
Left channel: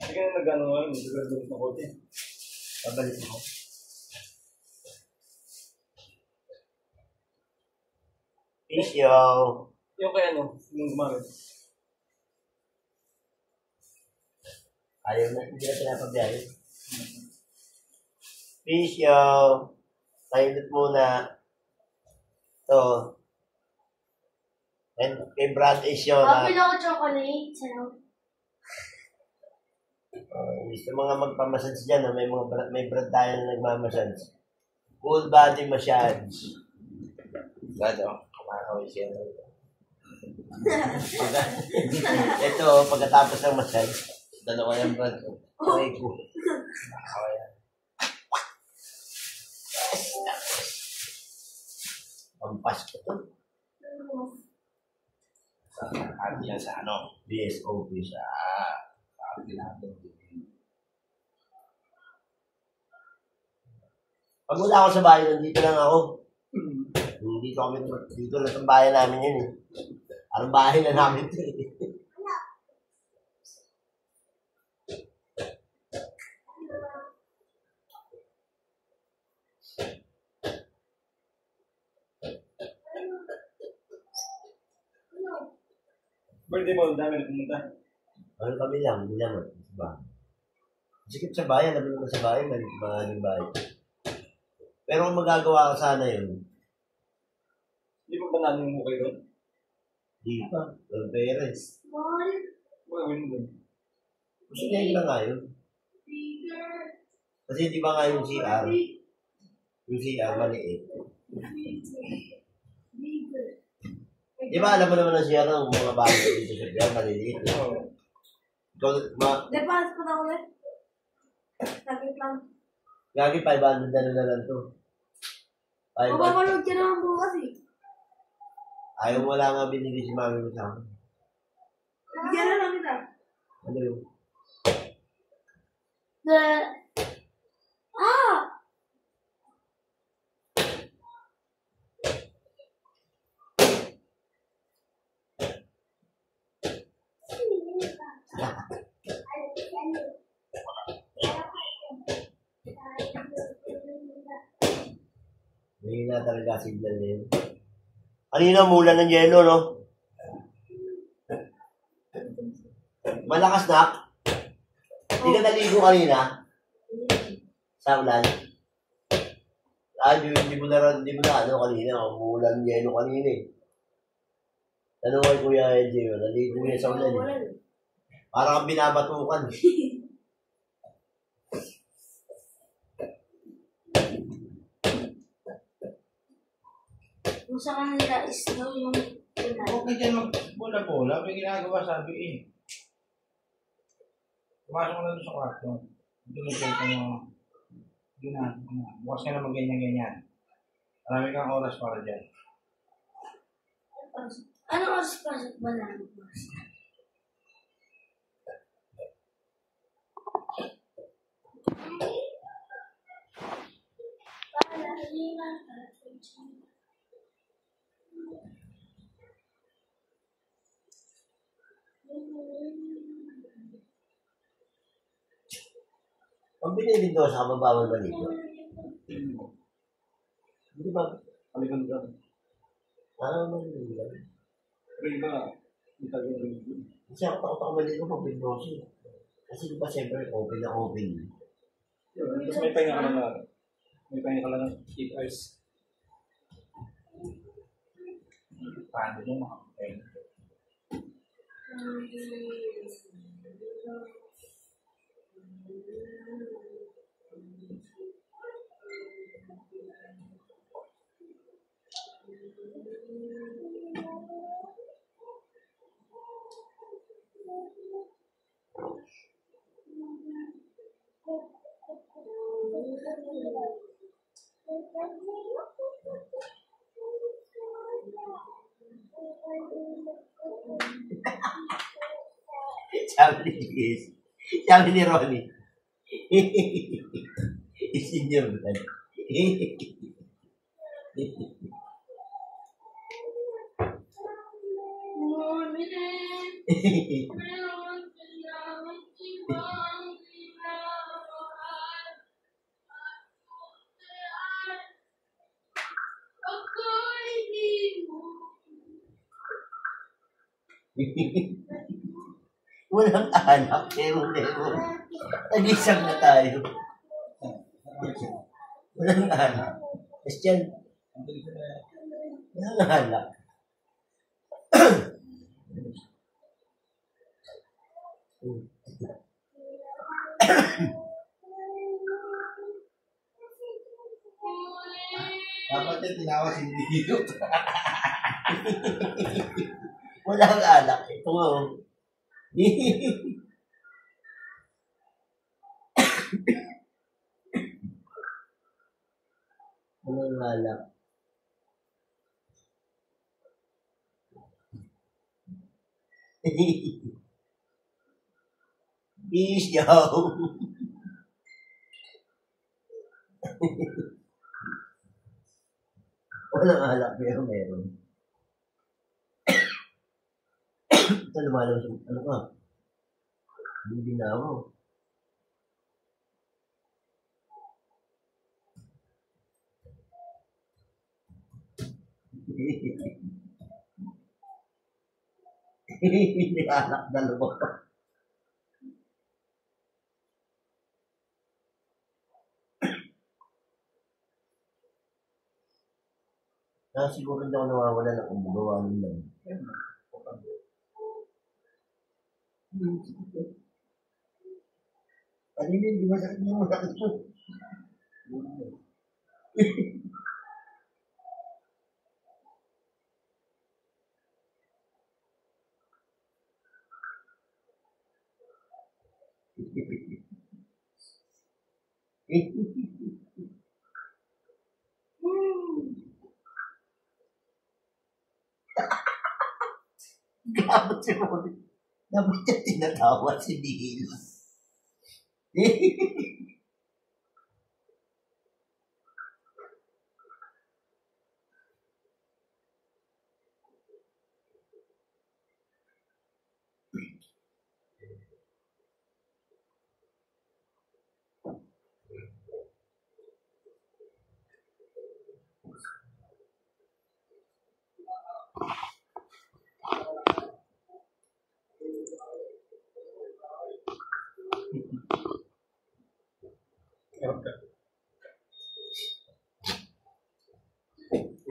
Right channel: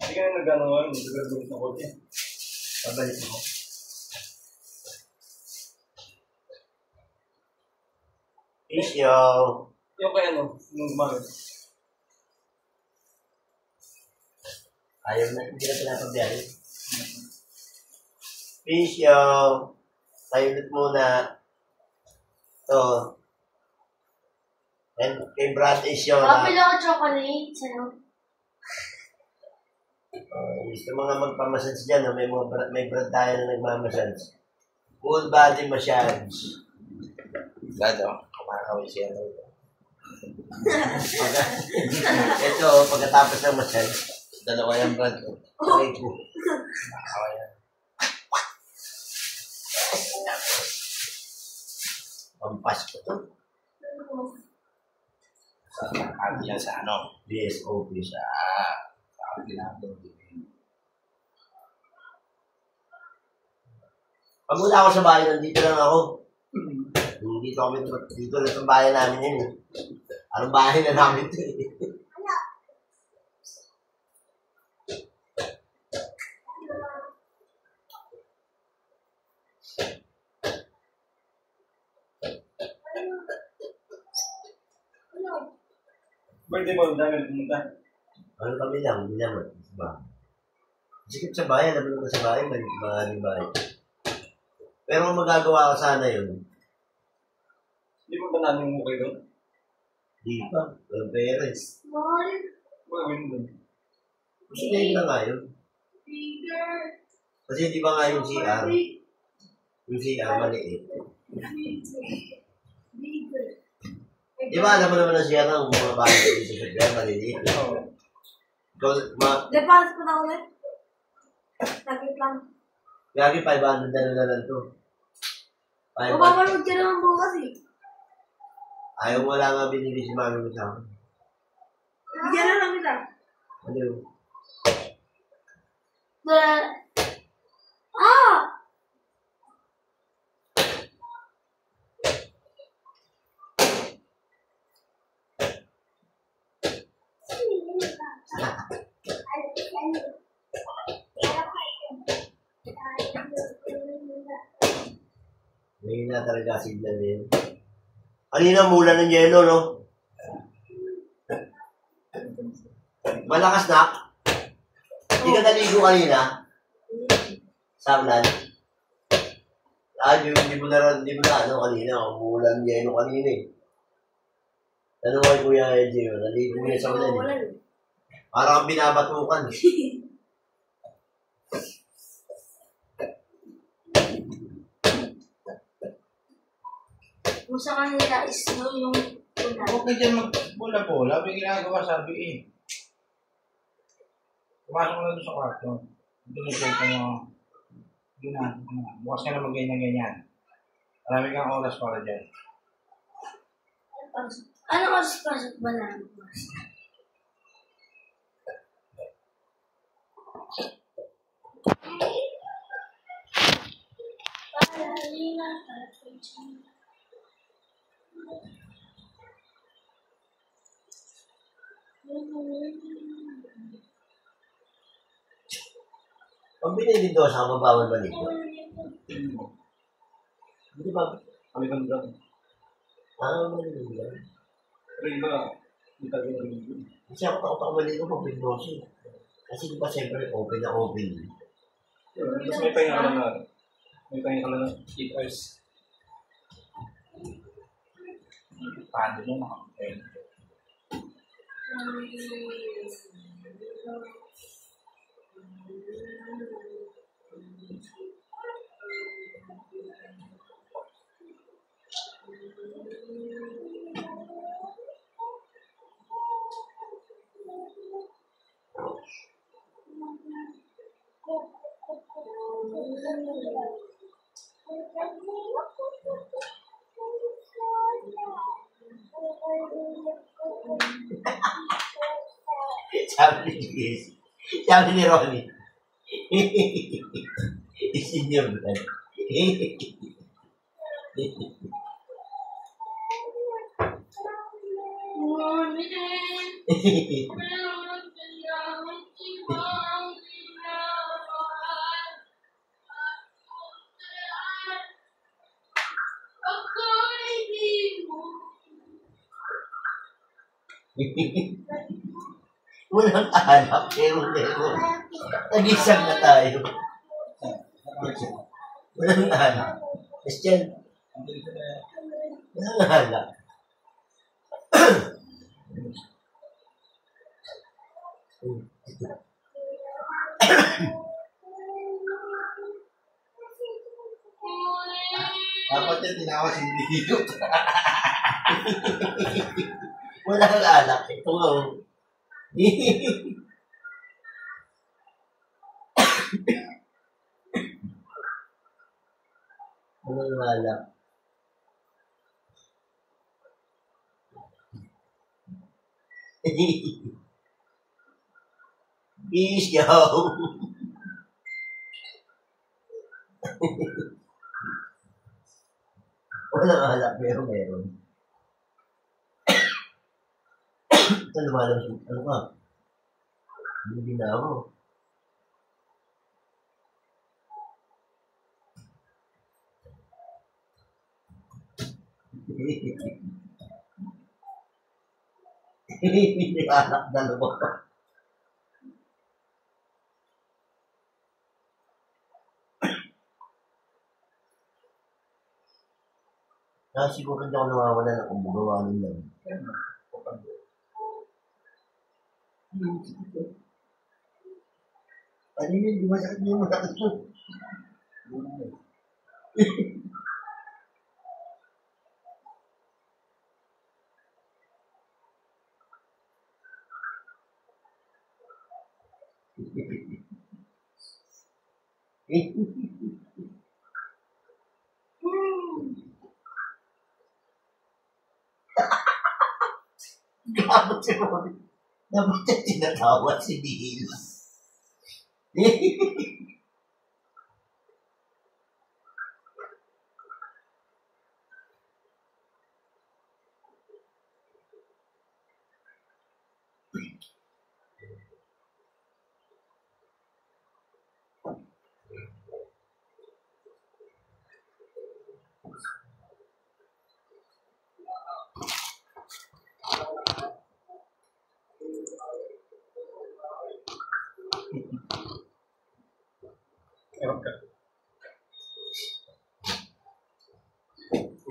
Hindi ka na nag-ano ngayon, hindi ka na kote. Pabalik mo. Isyo. Yung kaya ano, yung gumamit. Ayaw na, hindi na pinapabiyahe. Isyo. Tayo ulit muna. Ito. And kay Brad Isyo na. Kapil ako chocolate. Sa'yo. Gusto mga magpamassage dyan, may brad tayo na nagmamassage. Full body massage. Gado, kumakawin siya. Ito, pagkatapos ng massage, Dalawa yung brad ko. okay ko. Kumakawin. Pampas ko to. Ano yan sa ano? BSOP siya. Ang ginagawa din. Pag wala ako sa bahay, nandito lang ako. Dito kami, dito lang sa bahay namin yun eh. Anong bahay na namin ito eh. Birthday mo, dami pumunta. Ano kami lang, hindi naman. Diba? Sikip sa bayan, alam mo naman sa bayan, mga aling bayan. Pero kung magagawa ka sana yun, Hindi mo ba namin mo kayo doon? di pa. Walang parents. Gawin mo doon. Gusto niya yun na nga yun. Kasi di ba nga yung CR? Yung CR maliit. Di ba alam mo naman ang CR ng mga bahay dito sa CR maliliit? Oo. Deposit ko na ulit. Saglit lang. Lagi 500 na lang to. 500. Mapapanood ka naman bukas eh. Ayaw wala nga binili si mami mo sa akin. Bigyan na lang kita. Ano yun? Ah! May na talaga signal na yun. Kanina mula ng yelo, no? Malakas na. Hindi ka naligo kanina. Sa ulan. Hindi mo na ano kanina. Umulan ng yelo kanina eh. Tanong kay Kuya LJ yun. Naligo niya sa ulan eh. Parang kang binabatukan eh. Kung sa kanila is no, yung ulan. Huwag na dyan magbola-bola. May ginagawa sabi eh. Pumasok ko na doon sa kwarto. Ito na check mo. Bukas ka na mag-ganyan-ganyan. Marami kang oras para dyan. Anong oras pasok ba namin? Ang binili doon sa kababawan maligo. Hindi ba? Kaliban lang. Maligo yan. Pero iba, hindi tayo rin. Kasi ako takot ako maligo pag bindosin. Kasi di ba siyempre open na open. Tapos may pahinga ka lang na. May pahinga ka lang ng 8 hours. Paano mo makapagpain? Sabi ni Chris. Sabi ni Ronnie. Isinyo ba? Walang anak, pero nag-isang na tayo. Walang anak. Christian, walang anak. Dapat yung tinawa si Dito. Walang anak. Ito nga. Walang anak. Peace, yo. Walang anak, pero meron. Ito lumalabas. Ano ka? Hindi na ako. Hindi anak dalawa. Kaya siguro hindi ako nawawala ng kumbugawanin lang. Kanina, hindi masakit yung masakit ko. Gabot si Rory. Dapat niya tinatawa si Neil.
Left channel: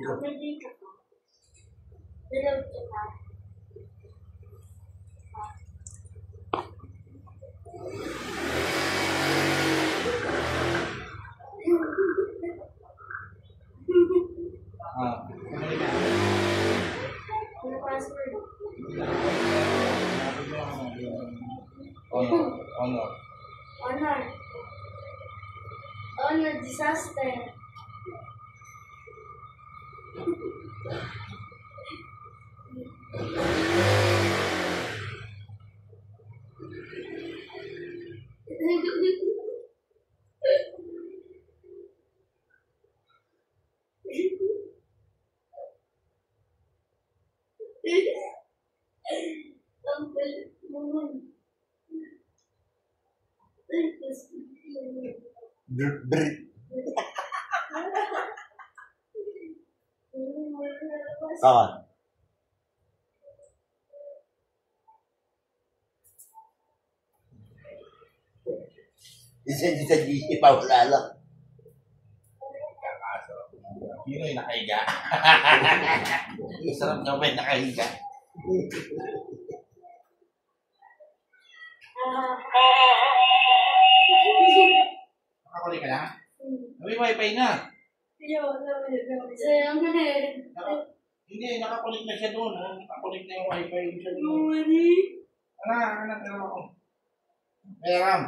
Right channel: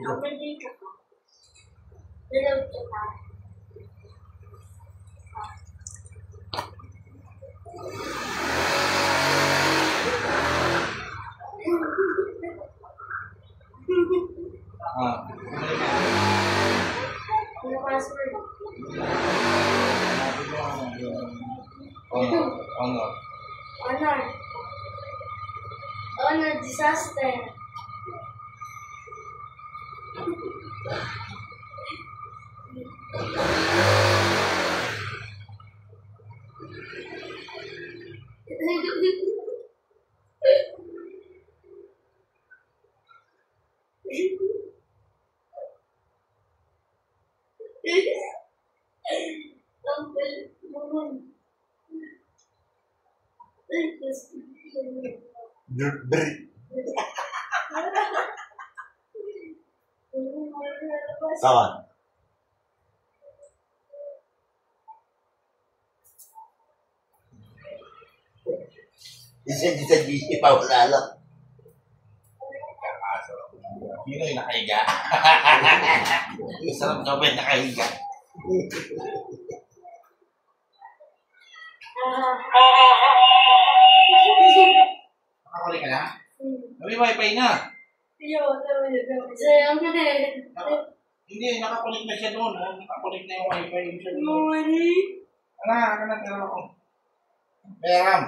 Open dito ko. Dalaw ito pa. Bumalik na. Ano password? Hanapin mo yung honor. Honor. Honor disaster. Ang galit naman. Tawa. Isa GC pa wala lang. Yun yung nakahiga. Sarap daw ba yung nakahiga? Nakakulik ka na? May wifi na. Sayang na eh. Hindi, nakakulik na siya doon. Nakakulik na yung wifi. Ano ako? May RAM.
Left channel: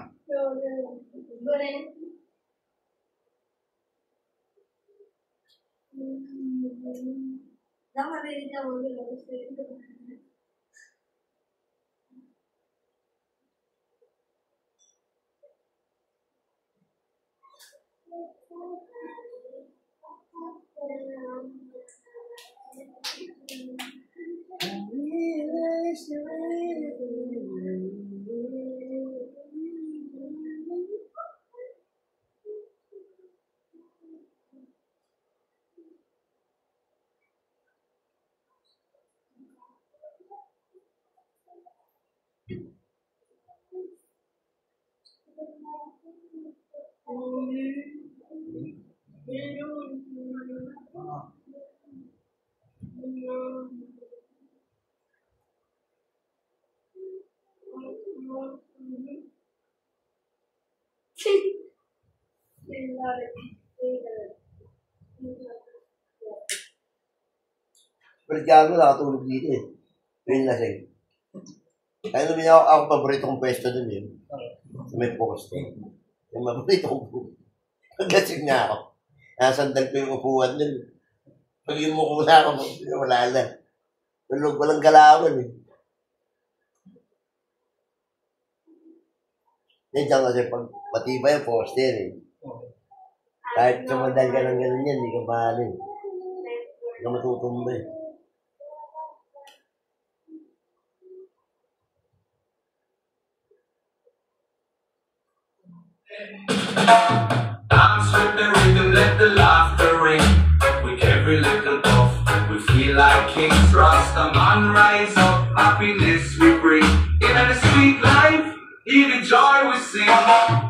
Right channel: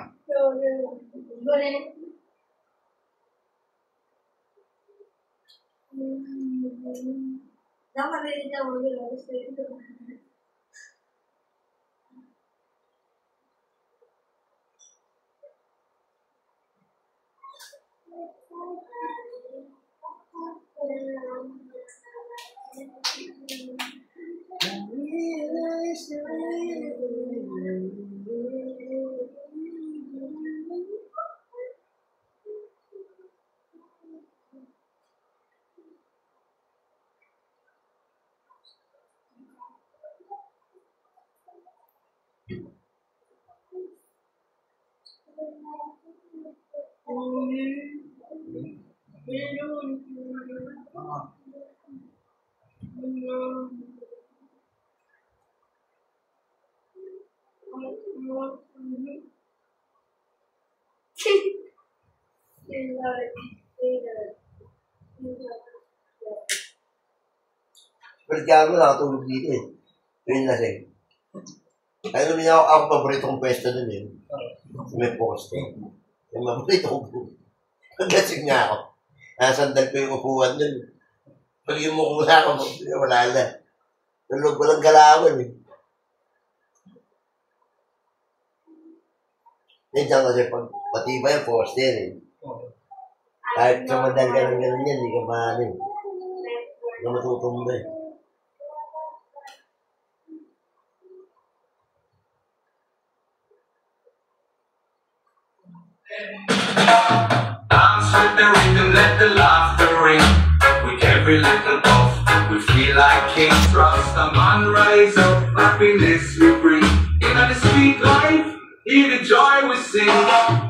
Pero gago nakatulog dito eh. Yun lasing. Kaya namin ako paborito kong pwesto dun eh. May poste. Yung paborito kong paglasing niya ako. Nasandal ko yung upuan dun. Pag yumuko na ako, wala na. Tulog, walang galawan eh. Diyan kasi pag matibay yung poste eh. Kahit sumandal ka ng gano'n yan, hindi ka maano eh. Hindi ka matutumba eh. Dance with the rhythm, let the laughter ring. With every little cough, we We feel like kings, Rastaman rise up, happiness we bring. In the sweet life, hear the joy we sing.